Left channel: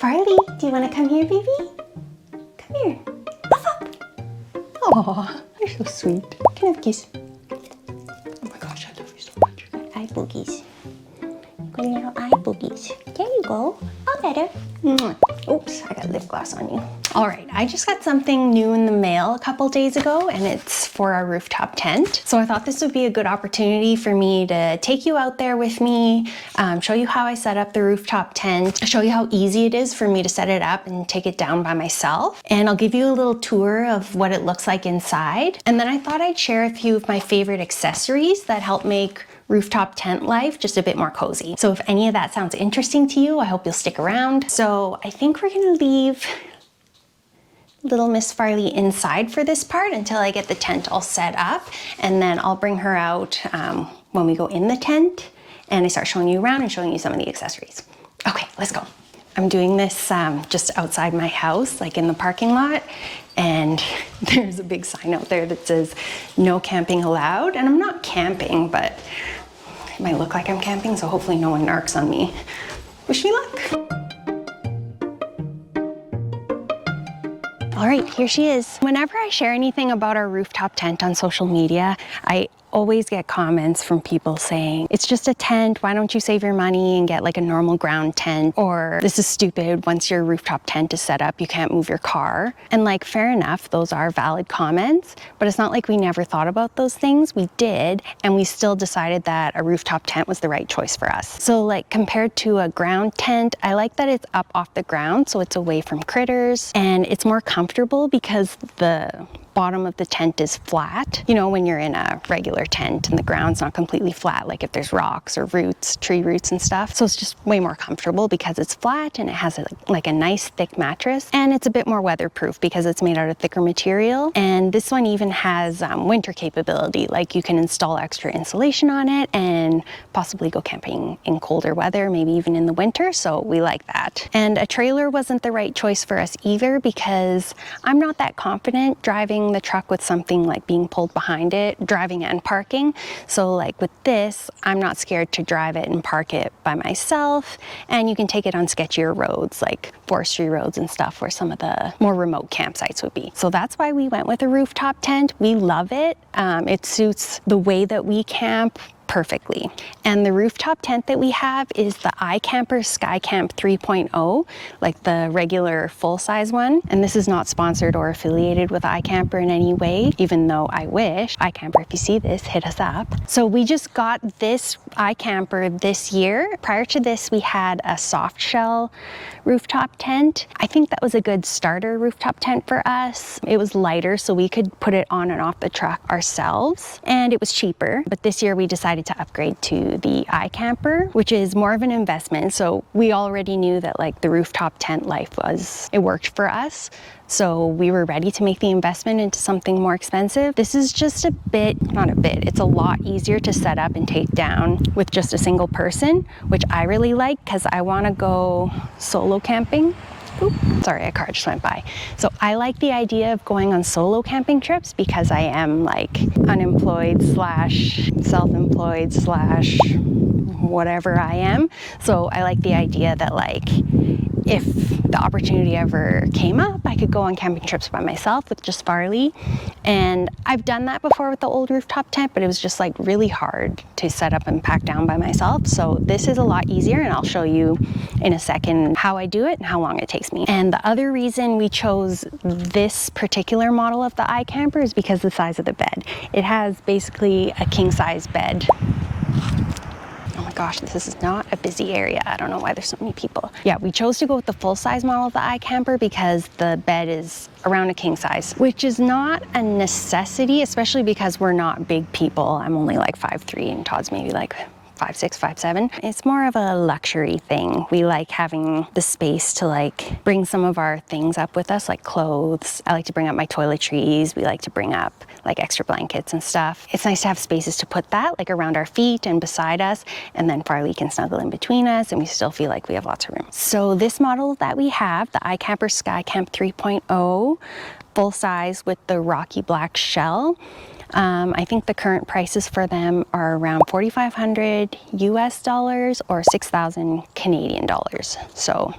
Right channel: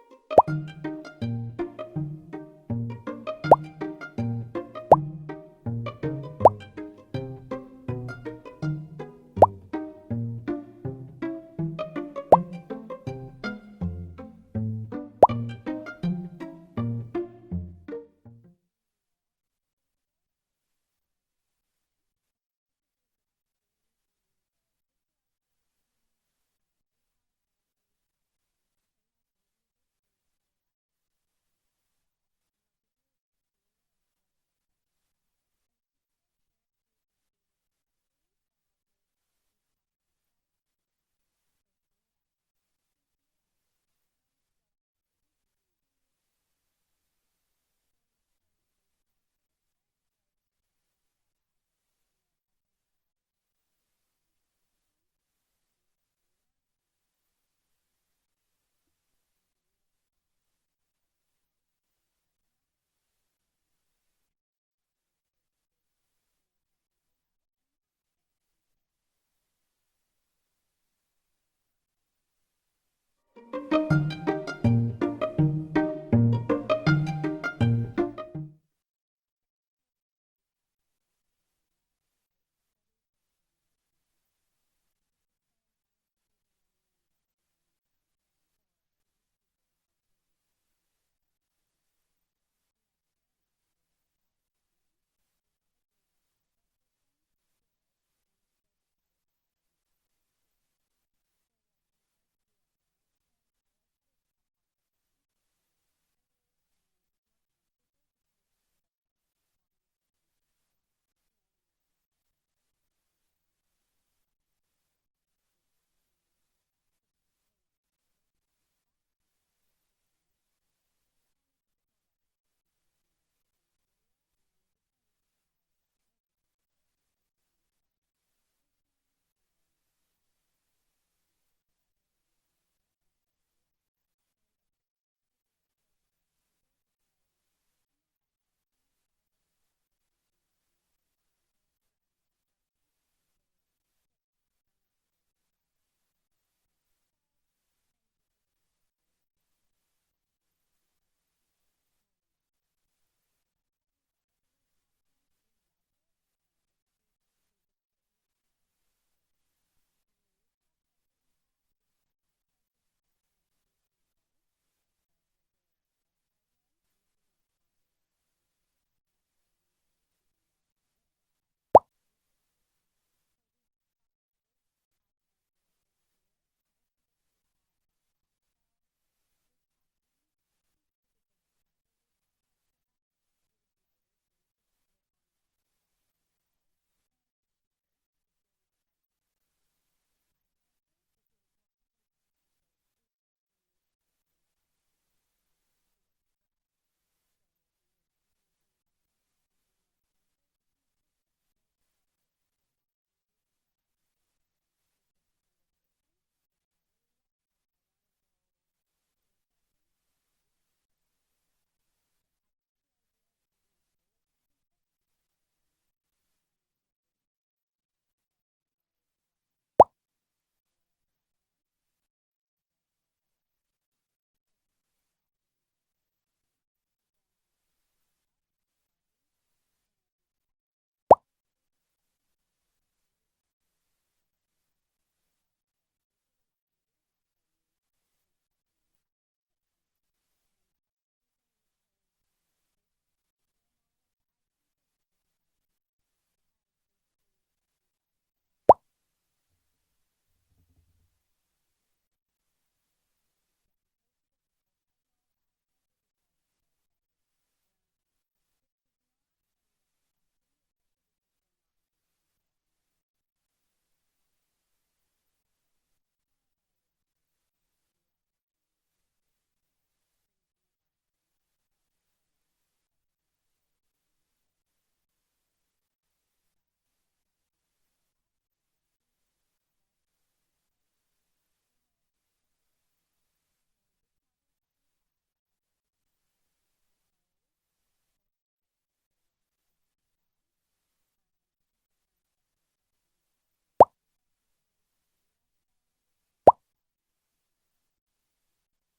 Farley, do you want to come here, baby? Come here. Puff up. Oh, you're so sweet. Can I have a kiss? Oh my gosh, I love you so much. Eye boogies. Good little eye boogies. There you go. All better. Oops, I got lip gloss on you. All right, I just got something new in the mail a couple days ago, and it's for our rooftop tent. So I thought this would be a good opportunity for me to take you out there with me, show you how I set up the rooftop tent, show you how easy it is for me to set it up and take it down by myself. And I'll give you a little tour of what it looks like inside. And then I thought I'd share a few of my favorite accessories that help make rooftop tent life just a bit more cozy. So if any of that sounds interesting to you, I hope you'll stick around. So I think we're gonna leave little Miss Farley inside for this part until I get the tent all set up, and then I'll bring her out when we go in the tent and I start showing you around and showing you some of the accessories. Okay, let's go. I'm doing this just outside my house, like in the parking lot, and there's a big sign out there that says no camping allowed, and I'm not camping, but it might look like I'm camping, so hopefully no one narcs on me. Wish me luck. All right, here she is. Whenever I share anything about our rooftop tent on social media, I always get comments from people saying, it's just a tent, why don't you save your money and get like a normal ground tent? Or this is stupid, once your rooftop tent is set up, you can't move your car. And like, fair enough, those are valid comments, but it's not like we never thought about those things. We did, and we still decided that a rooftop tent was the right choice for us. So like, compared to a ground tent, I like that it's up off the ground, so it's away from critters, and it's more comfortable because the bottom of the tent is flat. You know, when you're in a regular tent and the ground's not completely flat, like if there's rocks or roots, tree roots and stuff. So it's just way more comfortable because it's flat and it has like a nice thick mattress, and it's a bit more weatherproof because it's made out of thicker material. And this one even has winter capability, like you can install extra insulation on it and possibly go camping in colder weather, maybe even in the winter. So we like that. And a trailer wasn't the right choice for us either because I'm not that confident driving the truck with something like being pulled behind it, driving and parking. So like with this, I'm not scared to drive it and park it by myself. And you can take it on sketchier roads like forestry roads and stuff where some of the more remote campsites would be. So that's why we went with a rooftop tent. We love it. It suits the way that we camp perfectly. And the rooftop tent that we have is the iKamper Skycamp 3.0, like the regular full-size one. And this is not sponsored or affiliated with iKamper in any way, even though I wish. iKamper, if you see this, hit us up. So we just got this iKamper this year. Prior to this, we had a soft shell rooftop tent. I think that was a good starter rooftop tent for us. It was lighter, so we could put it on and off the truck ourselves, and it was cheaper. But this year we decided to upgrade to the iKamper, which is more of an investment. So we already knew that like the rooftop tent life it worked for us. So we were ready to make the investment into something more expensive. This is just it's a lot easier to set up and take down with just a single person, which I really like because I want to go solo camping. Oop, sorry, a car just went by. So I like the idea of going on solo camping trips because I am like unemployed slash self-employed slash whatever I am. So I like the idea that like, if the opportunity ever came up, I could go on camping trips by myself with just Farley. And I've done that before with the old rooftop tent, but it was just like really hard to set up and pack down by myself. So this is a lot easier, and I'll show you in a second how I do it and how long it takes me. And the other reason we chose this particular model of the iKamper is because of the size of the bed. It has basically a king size bed. Oh my gosh, this is not a busy area. I don't know why there's so many people. Yeah, we chose to go with the full-size model of the iKamper because the bed is around a king size, which is not a necessity, especially because we're not big people. I'm only like 5'3", and Todd's maybe like 5'6", 5'7". It's more of a luxury thing. We like having the space to like bring some of our things up with us, like clothes. I like to bring up my toiletries. We like to bring up like extra blankets and stuff. It's nice to have spaces to put that like around our feet and beside us, and then Farley can snuggle in between us and we still feel like we have lots of room. So this model that we have, the iKamper Skycamp 3.0, full size with the rocky black shell, I think the current prices for them are around $4,500 US or 6,000 Canadian dollars. So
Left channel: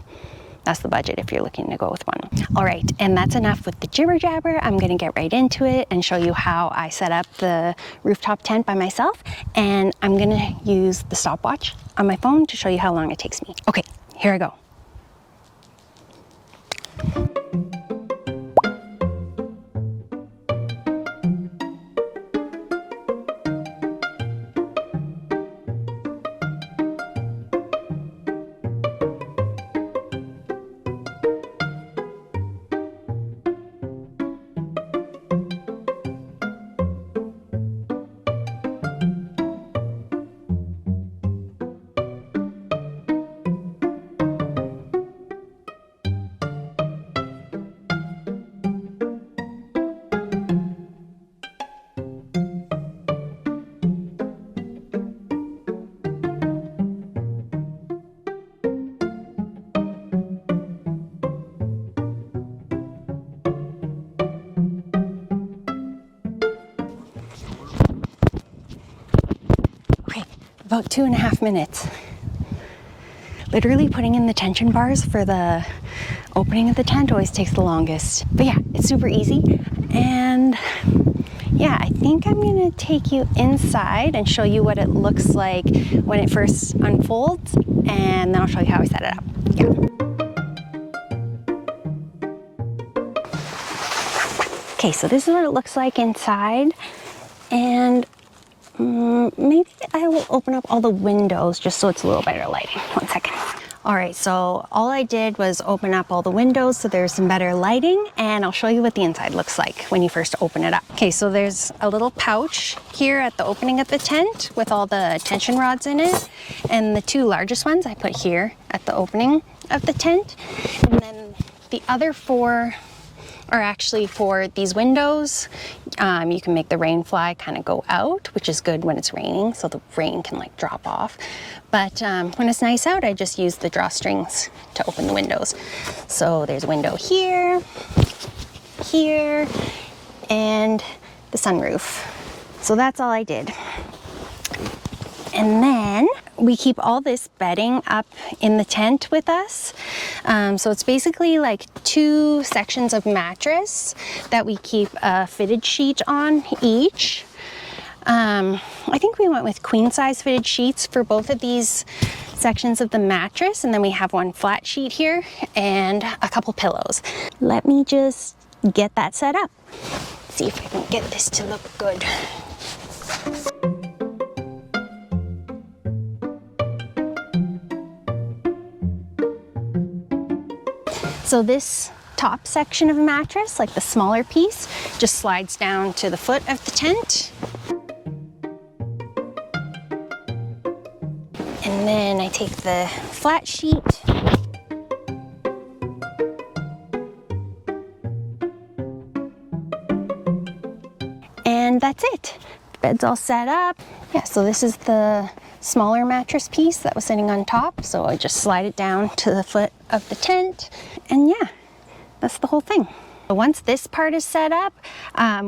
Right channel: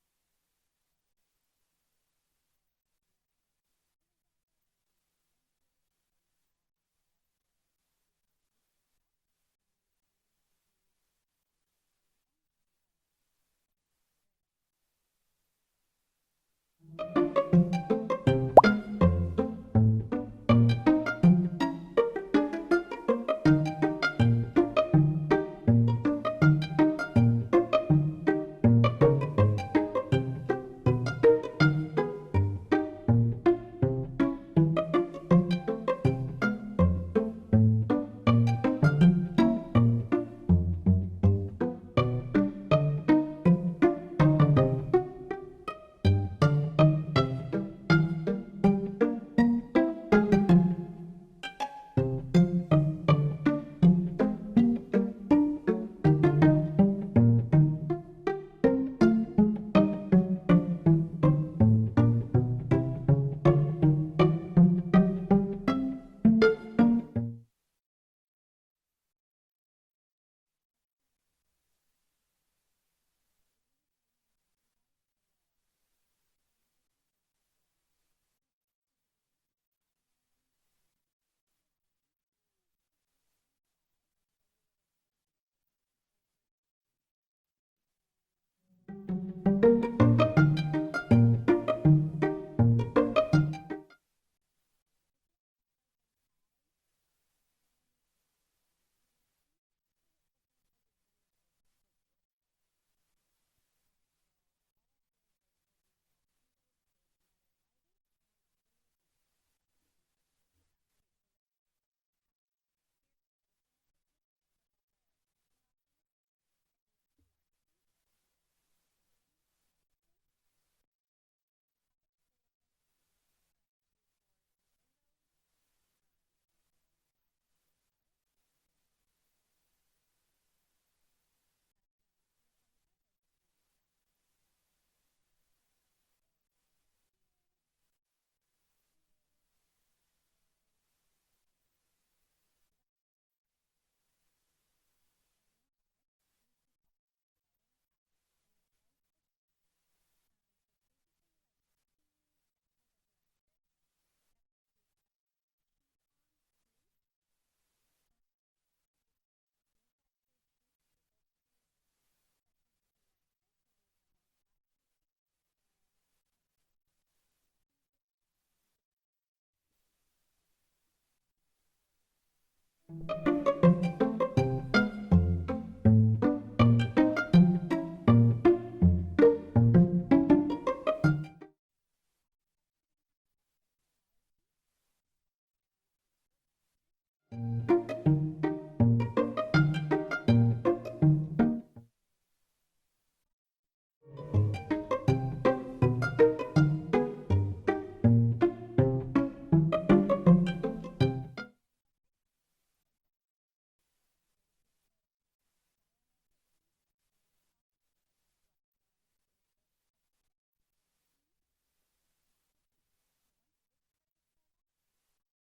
that's the budget if you're looking to go with one. All right, and that's enough with the jibber jabber. I'm gonna get right into it and show you how I set up the rooftop tent by myself, and I'm gonna use the stopwatch on my phone to show you how long it takes me. Okay, here I go. About 2.5 minutes. Literally putting in the tension bars for the opening of the tent always takes the longest. But yeah, it's super easy. And yeah, I think I'm gonna take you inside and show you what it looks like when it first unfolds, and then I'll show you how I set it up. Yeah. Okay, so this is what it looks like inside, and maybe I will open up all the windows just so it's a little better lighting. 1 second. All right, so all I did was open up all the windows so there's some better lighting, and I'll show you what the inside looks like when you first open it up. Okay, so there's a little pouch here at the opening of the tent with all the tension rods in it, and the 2 largest ones I put here at the opening of the tent, and then the other 4 are actually for these windows. You can make the rain fly kind of go out, which is good when it's raining, so the rain can like drop off. But when it's nice out, I just use the drawstrings to open the windows. So there's a window here, here, and the sunroof. So that's all I did. And then we keep all this bedding up in the tent with us. So it's basically like 2 sections of mattress that we keep a fitted sheet on each. I think we went with queen size fitted sheets for both of these sections of the mattress, and then we have 1 flat sheet here and a couple pillows. Let me just get that set up. See if I can get this to look good. So this top section of mattress, like the smaller piece, just slides down to the foot of the tent. And then I take the flat sheet and that's it. The bed's all set up. Yeah, so this is the smaller mattress piece that was sitting on top, so I just slide it down to the foot of the tent, and yeah, that's the whole thing. Once this part is set up,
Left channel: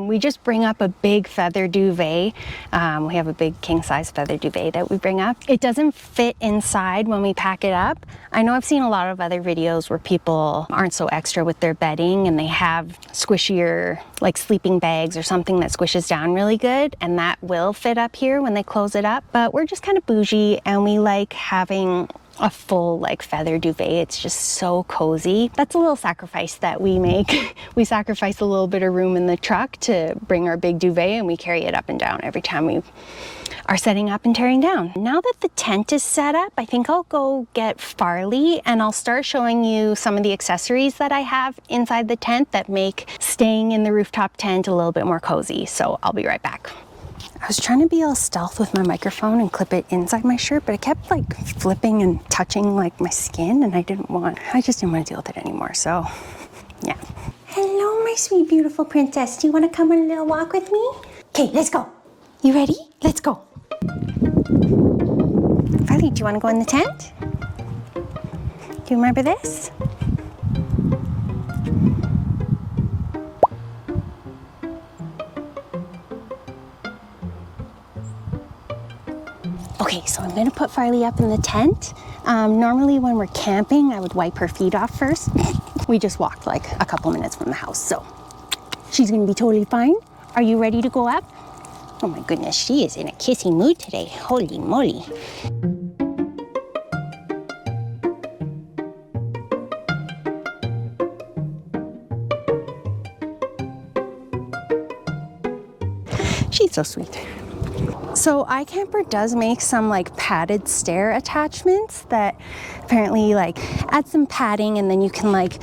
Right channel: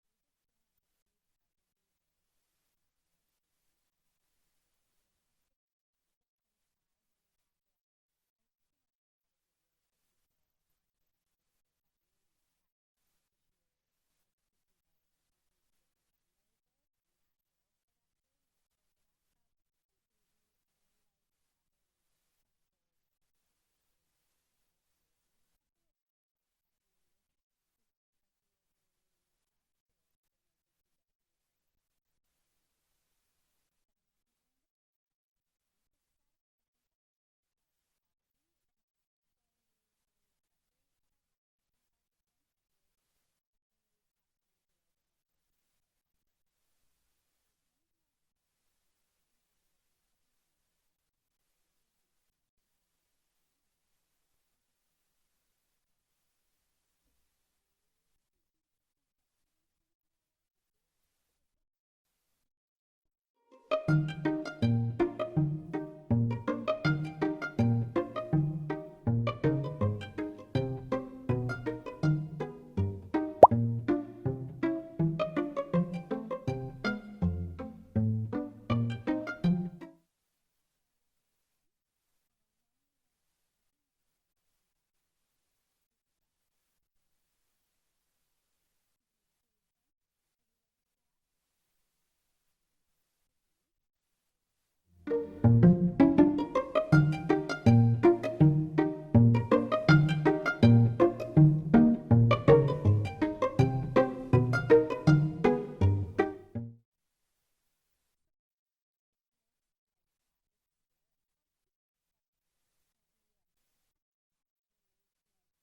we just bring up a big feather duvet. We have a big king-size feather duvet that we bring up. It doesn't fit inside when we pack it up. I know I've seen a lot of other videos where people aren't so extra with their bedding and they have squishier, like sleeping bags or something that squishes down really good, and that will fit up here when they close it up. But we're just kind of bougie and we like having a full like feather duvet. It's just so cozy. That's a little sacrifice that we make. We sacrifice a little bit of room in the truck to bring our big duvet, and we carry it up and down every time we are setting up and tearing down. Now that the tent is set up, I think I'll go get Farley and I'll start showing you some of the accessories that I have inside the tent that make staying in the rooftop tent a little bit more cozy. So I'll be right back. I was trying to be all stealth with my microphone and clip it inside my shirt, but it kept like flipping and touching like my skin, and I just didn't want to deal with it anymore, so yeah. Hello, my sweet, beautiful princess. Do you want to come on a little walk with me? Okay, let's go. You ready? Let's go. Farley, do you want to go in the tent? Do you remember this? Okay, so I'm gonna put Farley up in the tent. Normally when we're camping, I would wipe her feet off first. We just walked like a couple minutes from the house, so she's gonna be totally fine. Are you ready to go up? Oh my goodness, she is in a kissy mood today. Holy moly. She's so sweet. So iKamper does make some like padded stair attachments that apparently like add some padding, and then you can like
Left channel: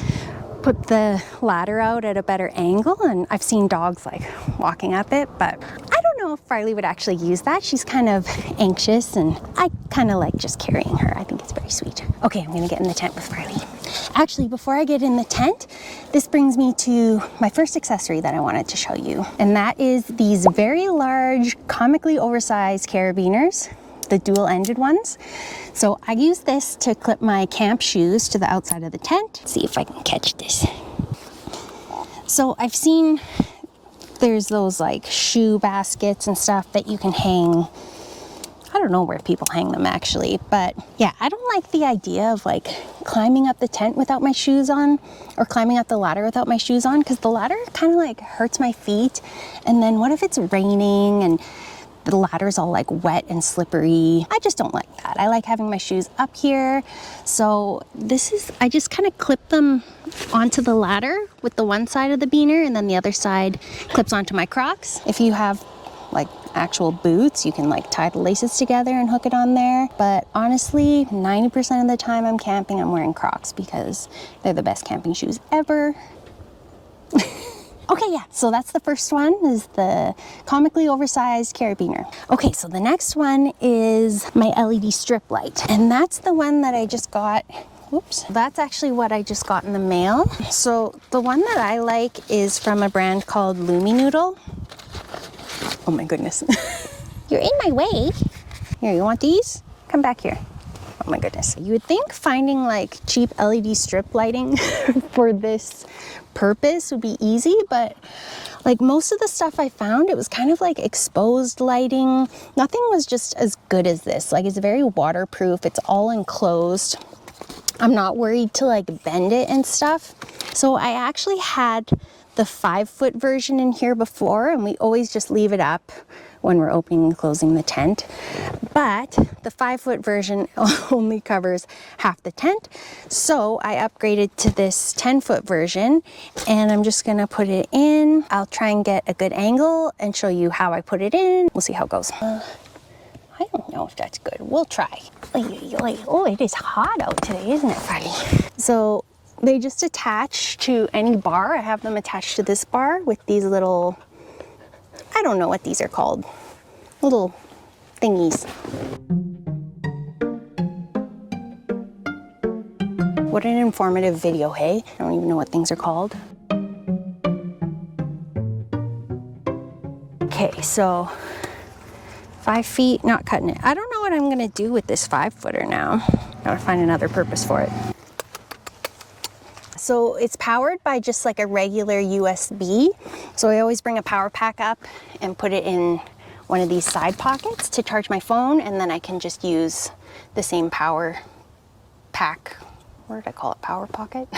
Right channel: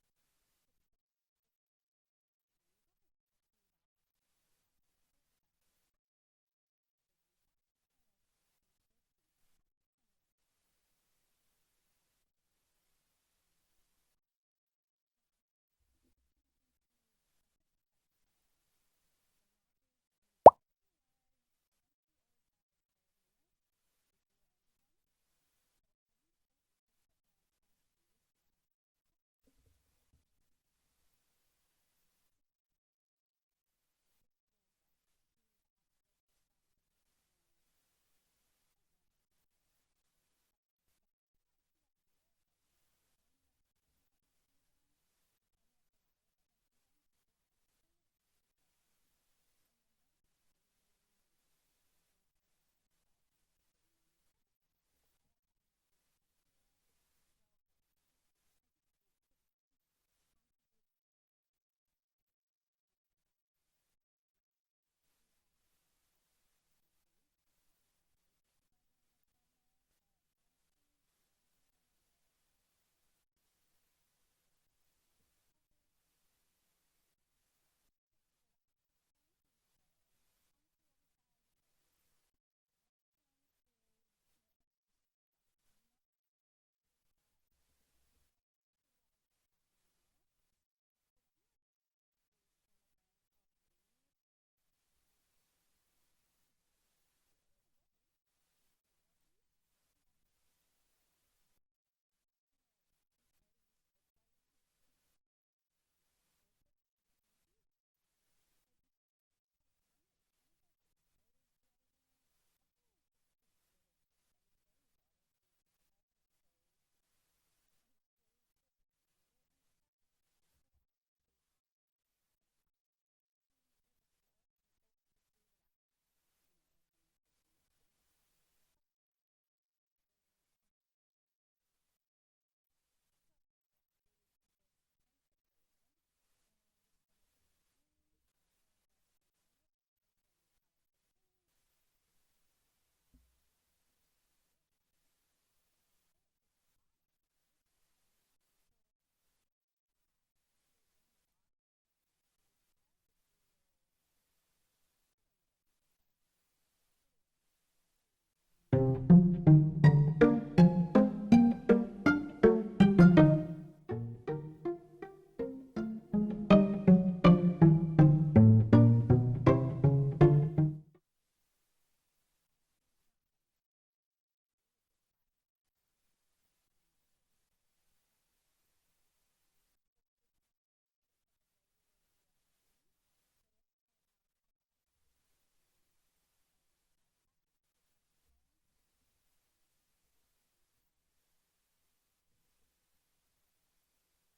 put the ladder out at a better angle, and I've seen dogs like walking up it, but I don't know if Farley would actually use that. She's kind of anxious, and I kind of like just carrying her. I think it's very sweet. Okay, I'm gonna get in the tent with Farley. Actually, before I get in the tent, this brings me to my first accessory that I wanted to show you, and that is these very large, comically oversized carabiners, the dual-ended ones. So I use this to clip my camp shoes to the outside of the tent. Let's see if I can catch this. So I've seen there's those like shoe baskets and stuff that you can hang. I don't know where people hang them actually, but yeah, I don't like the idea of like climbing up the tent without my shoes on, or climbing up the ladder without my shoes on, because the ladder kind of like hurts my feet. And then what if it's raining and the ladder's all like wet and slippery? I just don't like that. I like having my shoes up here. So I just kind of clip them onto the ladder with the one side of the beaner, and then the other side clips onto my Crocs. If you have like actual boots, you can like tie the laces together and hook it on there. But honestly, 90% of the time I'm camping, I'm wearing Crocs because they're the best camping shoes ever. Okay, yeah, so that's the first one, is the comically oversized carabiner. Okay, so the next one is my LED strip light, and that's the one that I just got. Whoops. That's actually what I just got in the mail. So the one that I like is from a brand called Luminoodle. Oh my goodness. You're in my way. Here, you want these? Come back here. Oh my goodness. You would think finding like cheap LED strip lighting for this purpose would be easy, but like most of the stuff I found, it was kind of like exposed lighting. Nothing was just as good as this. Like, it's very waterproof. It's all enclosed. I'm not worried to like bend it and stuff. So I actually had the 5-foot version in here before, and we always just leave it up when we're opening and closing the tent. But the 5-foot version only covers half the tent. So I upgraded to this 10-foot version, and I'm just gonna put it in. I'll try and get a good angle and show you how I put it in. We'll see how it goes. I don't know if that's good. We'll try. Oh, it is hot out today, isn't it, Farley? So they just attach to any bar. I have them attached to this bar with these little, I don't know what these are called, little thingies. What an informative video, hey? I don't even know what things are called. Okay, so 5 feet, not cutting it. I don't know what I'm gonna do with this 5-footer now. Gotta find another purpose for it. So it's powered by just like a regular USB. So I always bring a power pack up and put it in one of these side pockets to charge my phone, and then I can just use the same power pack. What did I call it? Power pocket?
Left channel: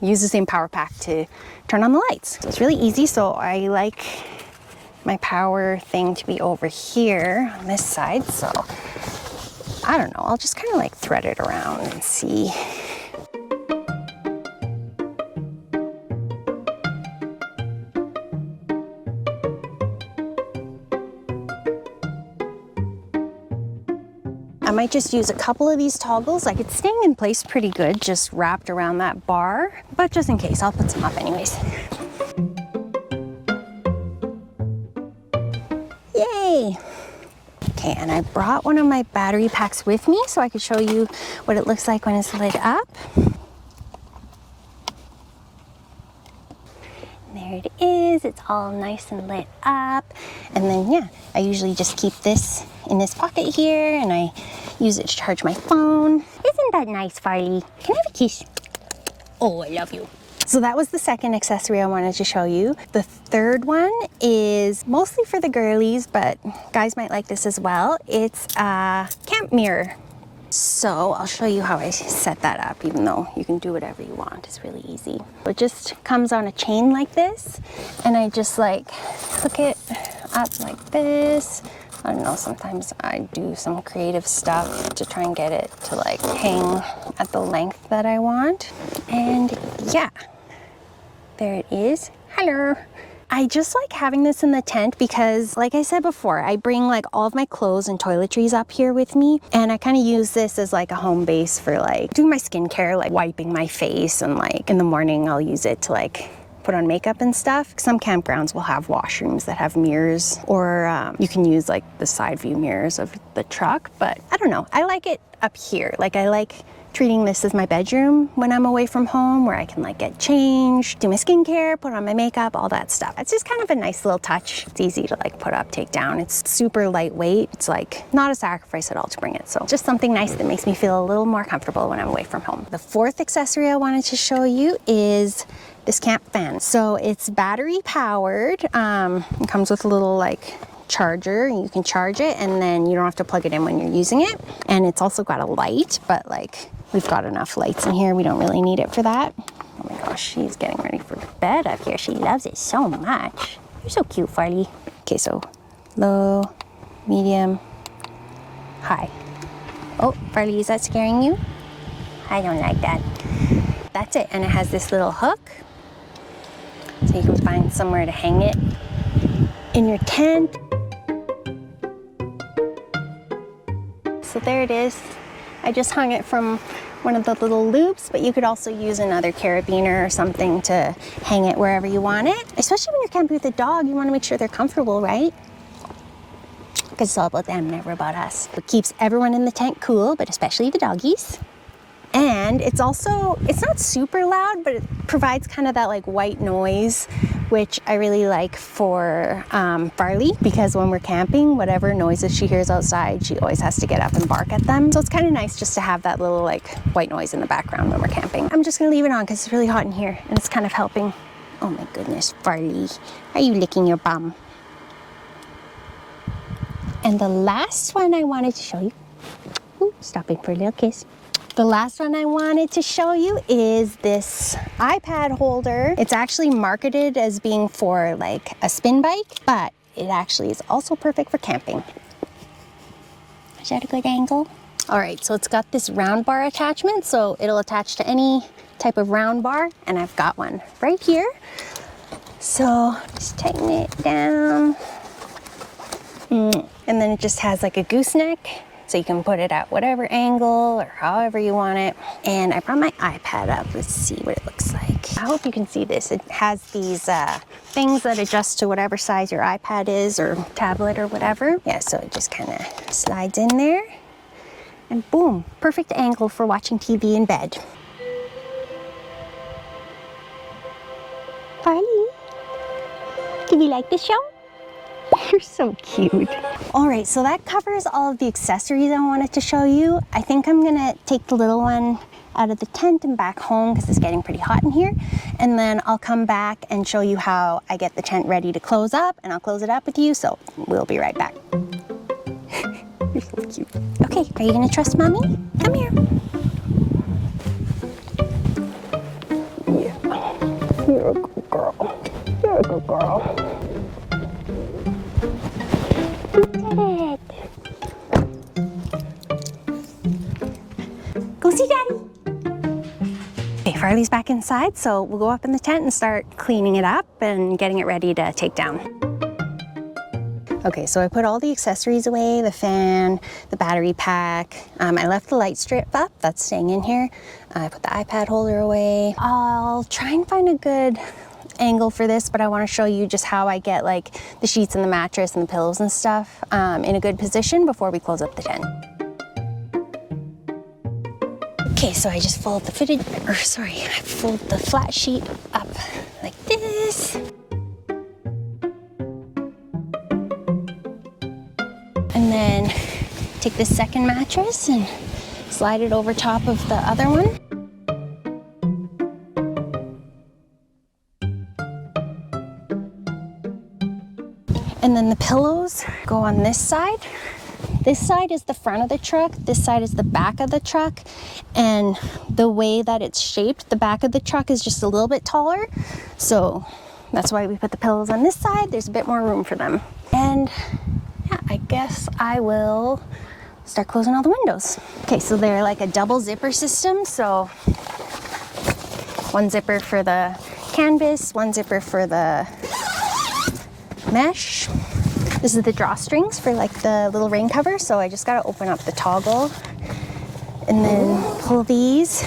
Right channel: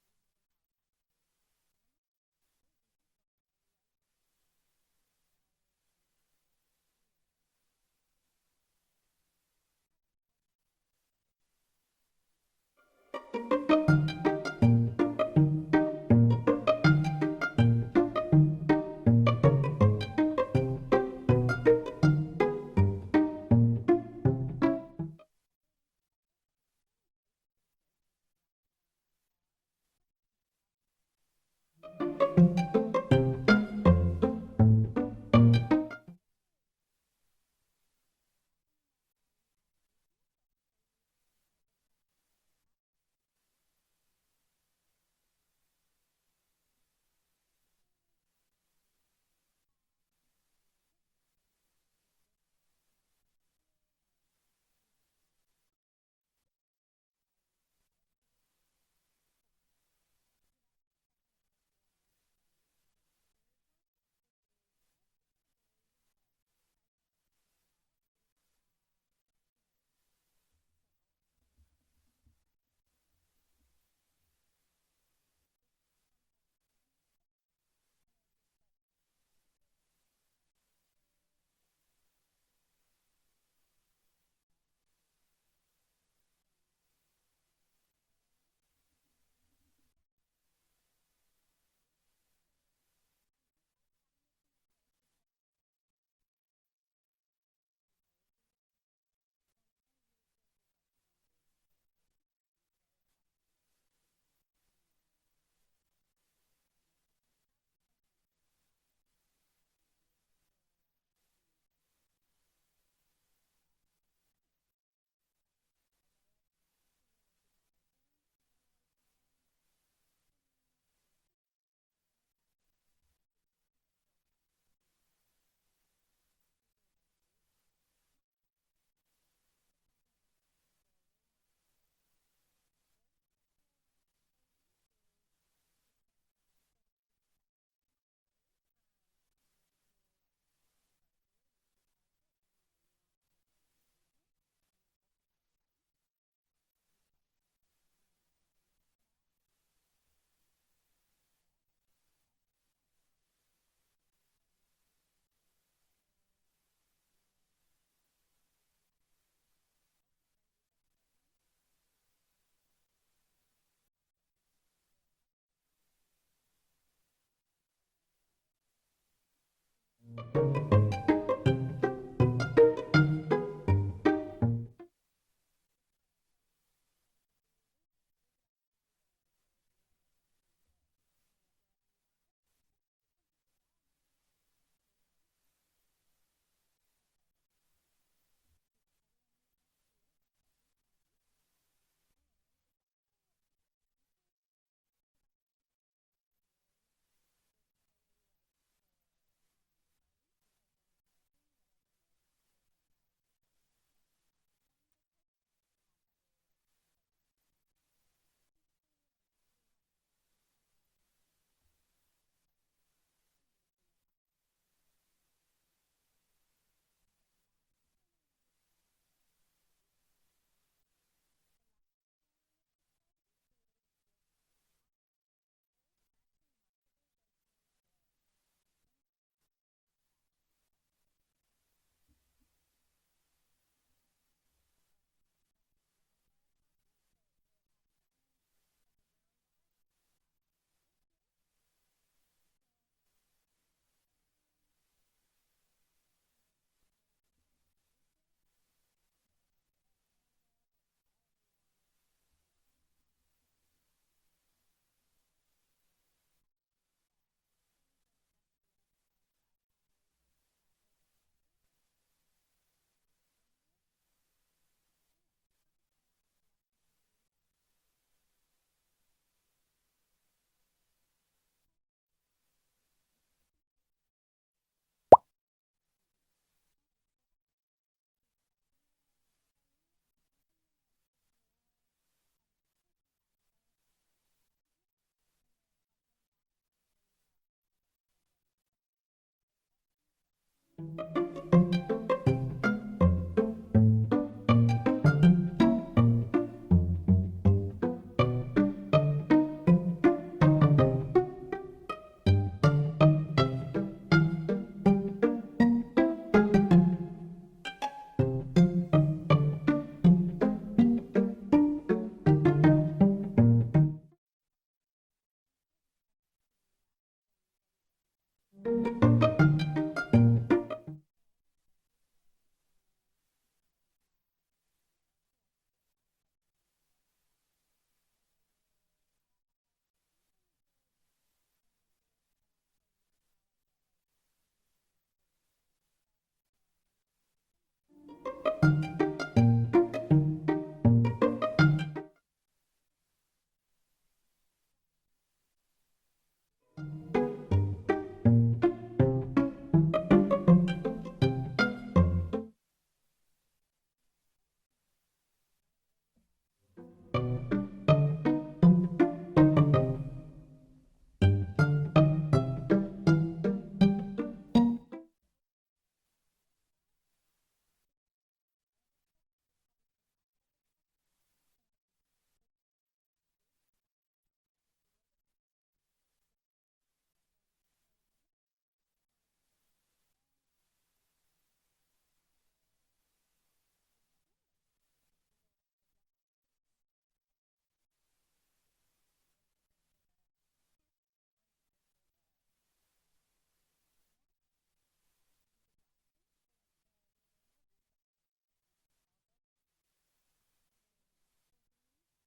Use the same power pack to turn on the lights. So it's really easy. So I like my power thing to be over here on this side. So I don't know, I'll just kind of like thread it around and see. I might just use a couple of these toggles. Like, it's staying in place pretty good, just wrapped around that bar, but just in case, I'll put some up anyways. Yay! Okay, and I brought one of my battery packs with me so I could show you what it looks like when it's lit up. There it is, it's all nice and lit up. And then, yeah, I usually just keep this in this pocket here, and I use it to charge my phone. Isn't that nice, Farley? Can I have a kiss? Oh, I love you. So that was the second accessory I wanted to show you. The third one is mostly for the girlies, but guys might like this as well. It's a camp mirror. So I'll show you how I set that up, even though you can do whatever you want. It's really easy. It just comes on a chain like this, and I just like hook it up like this. I don't know, sometimes I do some creative stuff to try and get it to like hang at the length that I want. And yeah, there it is. Hello. I just like having this in the tent because, like I said before, I bring like all of my clothes and toiletries up here with me, and I kind of use this as like a home base for like doing my skincare, like wiping my face, and like in the morning I'll use it to like put on makeup and stuff. Some campgrounds will have washrooms that have mirrors, or you can use like the side view mirrors of the truck, but I don't know. I like it up here. Like I like treating this as my bedroom when I'm away from home, where I can like get changed, do my skincare, put on my makeup, all that stuff. It's just kind of a nice little touch. It's easy to like put up, take down. It's super lightweight. It's like not a sacrifice at all to bring it. So just something nice that makes me feel a little more comfortable when I'm away from home. The fourth accessory I wanted to show you is this camp fan. So it's battery powered. It comes with a little like charger. You can charge it, and then you don't have to plug it in when you're using it. And it's also got a light, but like we've got enough lights in here. We don't really need it for that. Oh my gosh, she's getting ready for bed up here. She loves it so much. You're so cute, Farley. Okay, so low, medium, high. Oh, Farley, is that scaring you? I don't like that. That's it, and it has this little hook, so you can find somewhere to hang it in your tent. So there it is. I just hung it from one of the little loops, but you could also use another carabiner or something to hang it wherever you want it. Especially when you're camping with a dog, you want to make sure they're comfortable, right? Because it's all about them, never about us. It keeps everyone in the tent cool, but especially the doggies. And it's also, it's not super loud, but it provides kind of that like white noise, which I really like for Farley, because when we're camping, whatever noises she hears outside, she always has to get up and bark at them. So it's kind of nice just to have that little like white noise in the background when we're camping. I'm just gonna leave it on because it's really hot in here, and it's kind of helping. Oh my goodness, Farley, are you licking your bum? And the last one I wanted to show you, ooh, stopping for a little kiss. The last one I wanted to show you is this iPad holder. It's actually marketed as being for like a spin bike, but it actually is also perfect for camping. Is that a good angle? All right, so it's got this round bar attachment, so it'll attach to any type of round bar, and I've got one right here. So just tighten it down. And then it just has like a gooseneck, so you can put it at whatever angle or however you want it. And I brought my iPad up. Let's see what it looks like. I hope you can see this. It has these things that adjust to whatever size your iPad is or tablet or whatever. Yeah, so it just kind of slides in there. And boom, perfect angle for watching TV in bed. Farley, do you like the show? You're so cute. All right, so that covers all of the accessories I wanted to show you. I think I'm gonna take the little one out of the tent and back home because it's getting pretty hot in here. And then I'll come back and show you how I get the tent ready to close up, and I'll close it up with you, so we'll be right back. You're so cute. Okay, are you gonna trust Mommy? Come here. Yeah, you're a good girl. You're a good girl. Go see Daddy. Okay, Farley's back inside, so we'll go up in the tent and start cleaning it up and getting it ready to take down. Okay, so I put all the accessories away, the fan, the battery pack. I left the light strip up, that's staying in here. I put the iPad holder away. I'll try and find a good angle for this, but I want to show you just how I get like the sheets and the mattress and the pillows and stuff in a good position before we close up the tent. Okay, so I just fold the I fold the flat sheet up like this. And then take the second mattress and slide it over top of the other one. And then the pillows go on this side. This side is the front of the truck, this side is the back of the truck, and the way that it's shaped, the back of the truck is just a little bit taller, so that's why we put the pillows on this side. There's a bit more room for them. And yeah, I guess I will start closing all the windows. Okay, so they're like a double zipper system, so one zipper for the canvas, one zipper for the mesh. This is the drawstrings for like the little rain cover, so I just gotta open up the toggle and then pull these,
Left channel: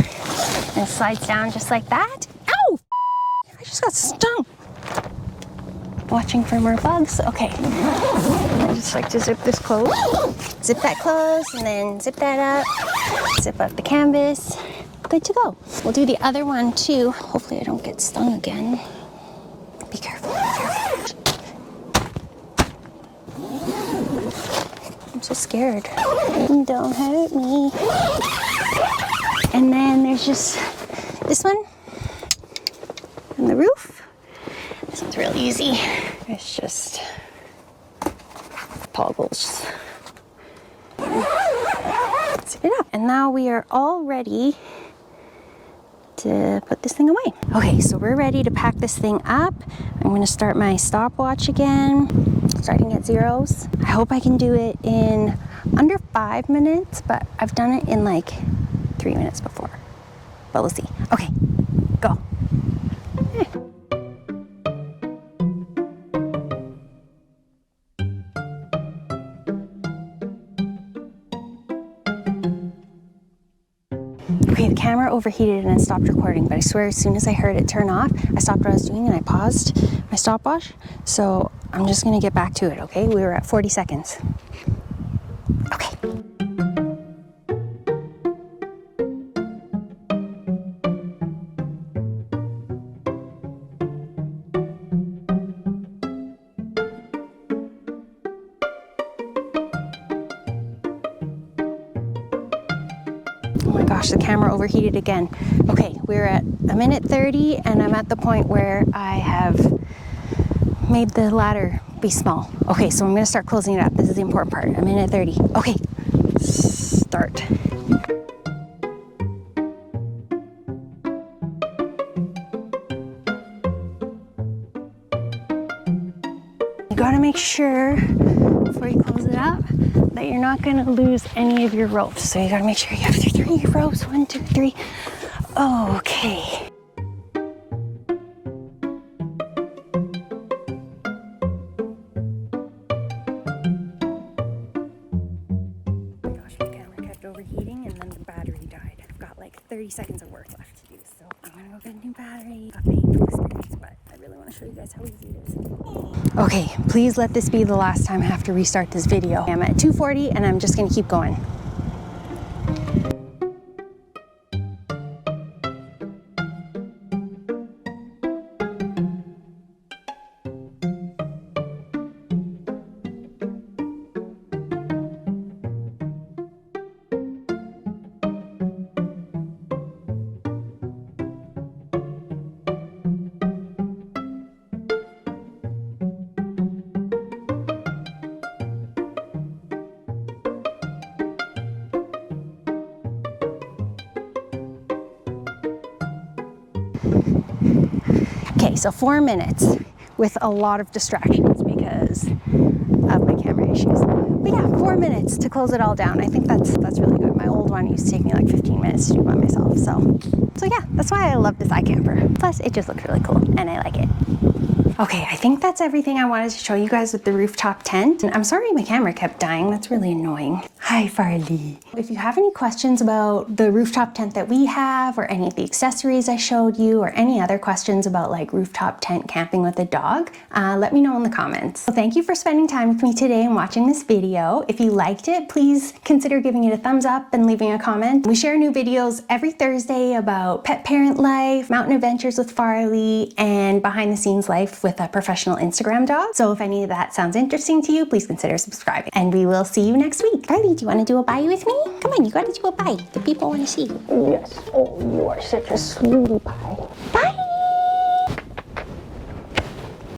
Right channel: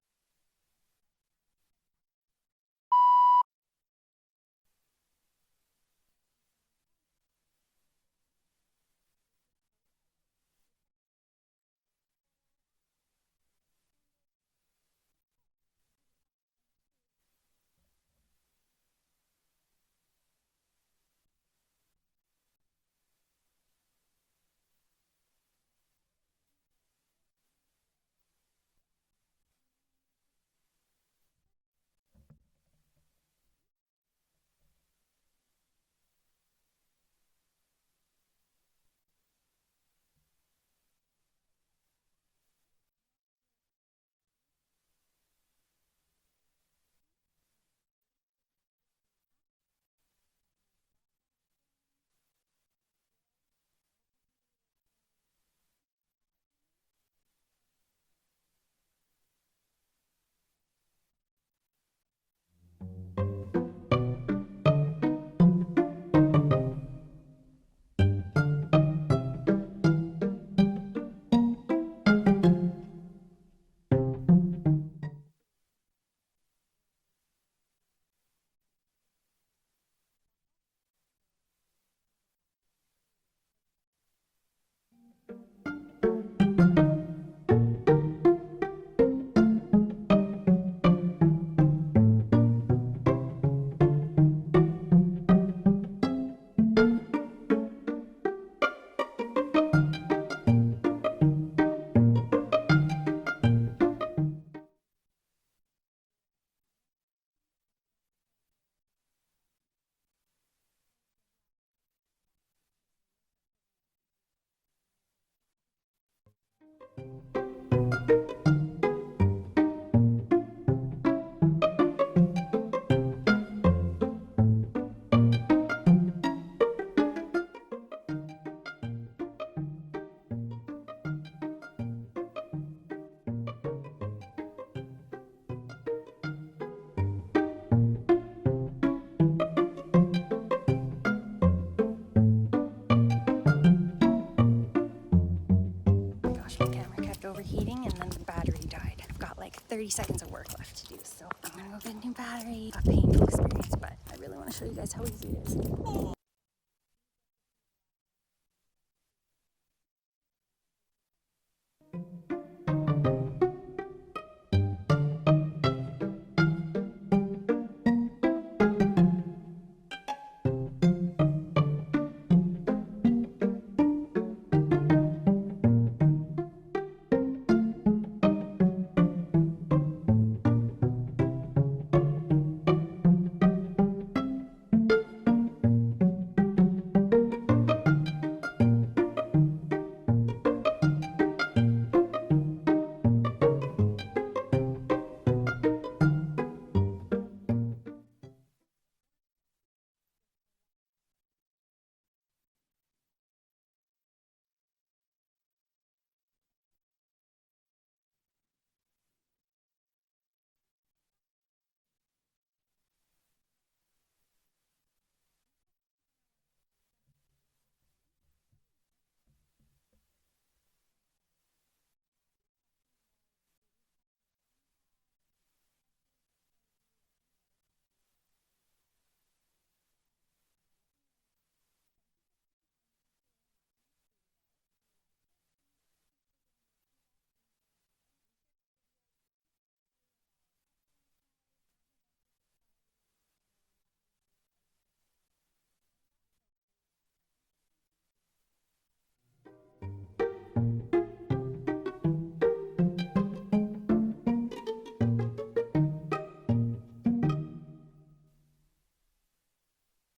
and it slides down just like that. Ow! I just got stung. Watching for more bugs. Okay. I just like to zip this closed. Zip that closed, and then zip that up. Zip up the canvas. Good to go. We'll do the other one too. Hopefully I don't get stung again. Be careful, be careful. I'm so scared. Don't hurt me. And then there's just this one on the roof. This one's real easy. It's just toggles. Zip it up. And now we are all ready to put this thing away. Okay, so we're ready to pack this thing up. I'm gonna start my stopwatch again, starting at zeros. I hope I can do it in under 5 minutes, but I've done it in like 3 minutes before. But we'll see. Okay, go. Okay, the camera overheated and it stopped recording, but I swear as soon as I heard it turn off, I stopped what I was doing and I paused my stopwatch. So I'm just gonna get back to it, okay? We were at 40 seconds. Okay. The camera overheated again. Okay, we're at 1:30 and I'm at the point where I have made the ladder be small. Okay, so I'm gonna start closing it up. This is the important part. 1:30. Okay, start. You gotta make sure before you close it up that you're not gonna lose any of your ropes. So you gotta make sure you have 3 ropes. 1, 2, 3. Okay. Gosh, the camera kept overheating and then the battery died. I've got like 30 seconds of work left to do, so I'm gonna go get a new battery. A painful experience, but I really want to show you guys how easy it is. Okay, please let this be the last time I have to restart this video. I'm at 2:40 and I'm just gonna keep going. Okay, so 4 minutes with a lot of distractions because of my camera issues. But yeah, 4 minutes to close it all down. I think that's really good. My old one used to take me like 15 minutes to do by myself. So yeah, that's why I love this iKamper. Plus, it just looks really cool and I like it. Okay, I think that's everything I wanted to show you guys with the rooftop tent. And I'm sorry my camera kept dying. That's really annoying. Hi, Farley. If you have any questions about the rooftop tent that we have or any of the accessories I showed you or any other questions about like rooftop tent camping with a dog, let me know in the comments. So thank you for spending time with me today and watching this video. If you liked it, please consider giving it a thumbs up and leaving a comment. We share new videos every Thursday about pet parent life, mountain adventures with Farley, and behind the scenes life with a professional Instagram dog. So if any of that sounds interesting to you, please consider subscribing. And we will see you next week. Farley, do you want to do a bye with me? Come on, you gotta do a bye. The people want to see you. Yes. Oh, you are such a sweetie pie. Bye.